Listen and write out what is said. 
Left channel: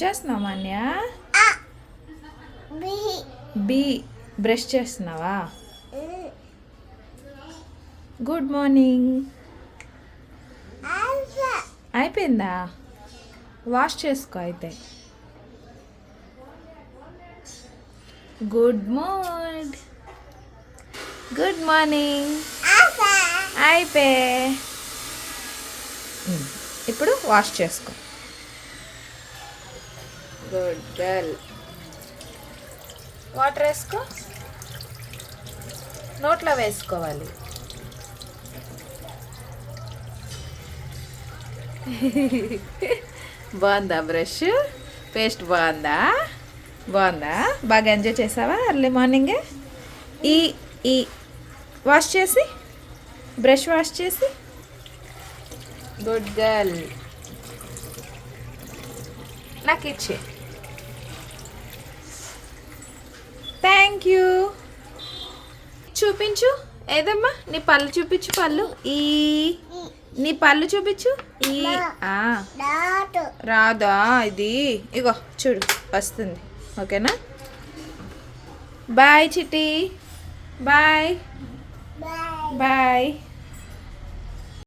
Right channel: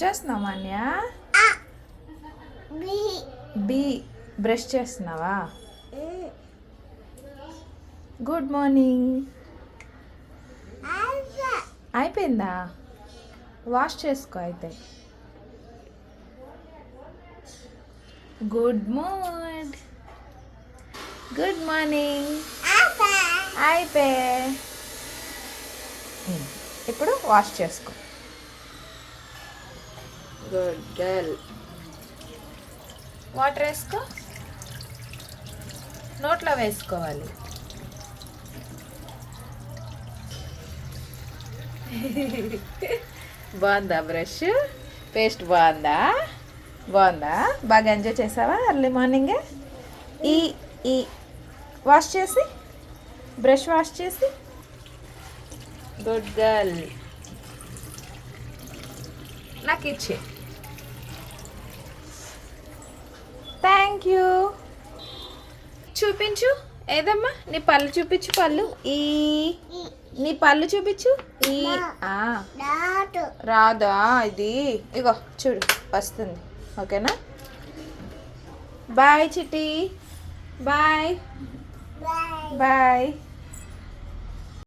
చేస్తున్నావా అన్య? B brush చేస్తున్నావా? Good morning. అయిపోయిందా? వాష్ చేసుకో అయితే. Good morning. Good morning. అయిపోయి ఇప్పుడు వాష్ చేసుకో. Good girl. వాటర్ వేసుకో. నోట్లో వేసుకోవాలి. బాగుందా బ్రష్? పేస్ట్ బాగుందా? బాగుందా? బాగా ఎంజాయ్ చేసావా ఎర్లీ మార్నింగే? ఈ ఈ వాష్ చేసి బ్రష్ వాష్ చేసి. Good girl. నాకు ఇచ్చే. Thank you. చూపించు ఏదమ్మా, నీ పళ్ళు చూపించు. పళ్ళు ఈ నీ పళ్ళు చూపించు. ఈ రాదా ఇది? ఇగో చూడు వస్తుంది. ఓకేనా? బాయ్ చిట్టి. Bye bye.